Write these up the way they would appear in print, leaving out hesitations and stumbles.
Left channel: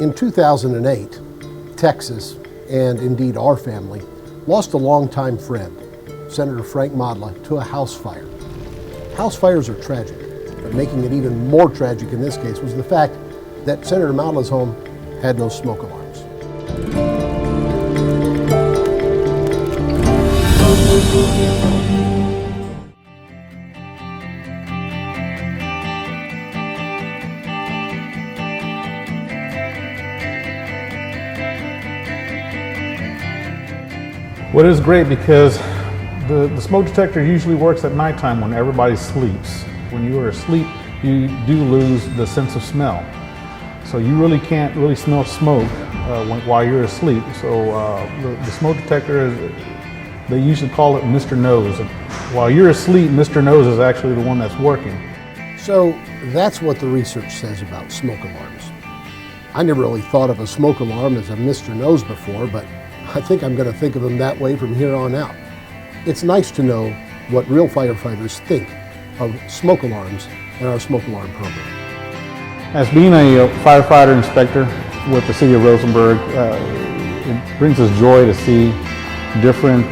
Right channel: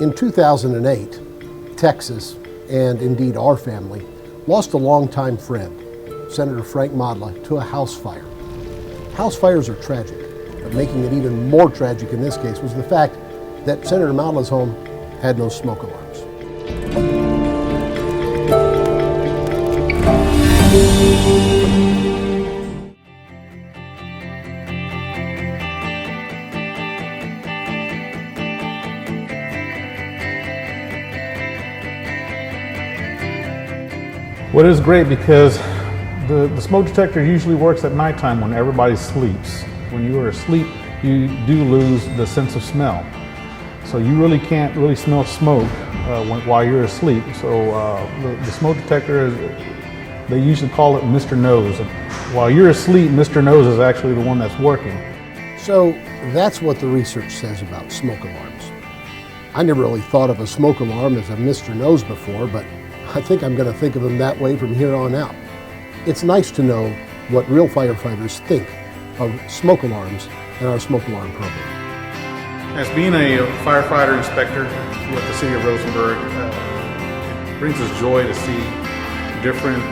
In 2008, Texas, and indeed our family, lost a longtime friend, Senator Frank Modla, to a house fire. House fires are tragic, but making it even more tragic in this case was the fact that Senator Modla's home had no smoke alarms. Well, it is great because the smoke detector usually works at nighttime when everybody sleeps. When you are asleep, you do lose the sense of smell. So you really can't really smell smoke while you're asleep. So the smoke detector they usually call it Mr. Nose. While you're asleep, Mr. Nose is actually the one that's working. So that's what the research says about smoke alarms. I never really thought of a smoke alarm as a Mr. Nose before, but I think I'm going to think of them that way from here on out. It's nice to know what real firefighters think of smoke alarms and our smoke alarm program. As being a firefighter inspector with the city of Rosenberg, it brings us joy to see different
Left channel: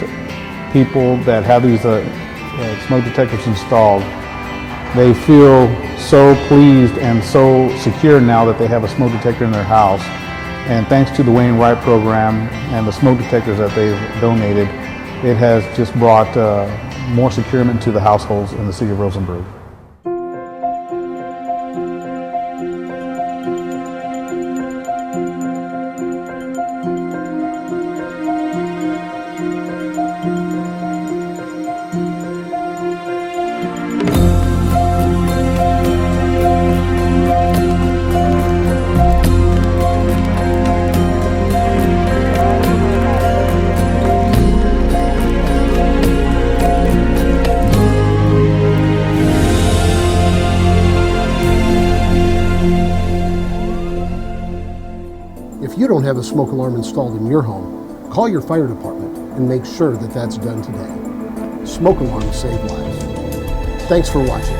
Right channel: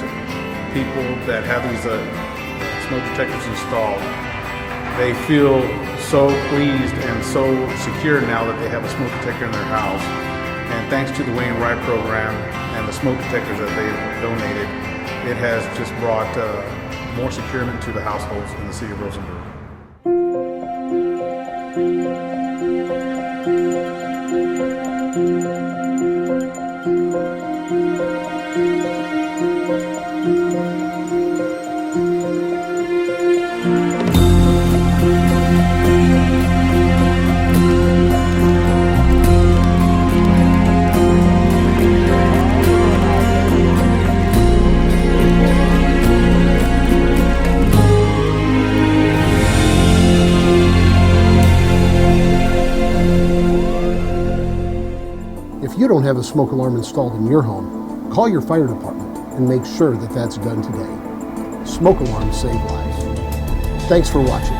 people that have these smoke detectors installed. They feel so pleased and so secure now that they have a smoke detector in their house. And thanks to the Wright program and the smoke detectors that they've donated, it has just brought more securement to the households in the city of Rosenberg. If you don't have a smoke alarm installed in your home, call your fire department and make sure that that's done today. Smoke alarms save lives. Thanks for watching.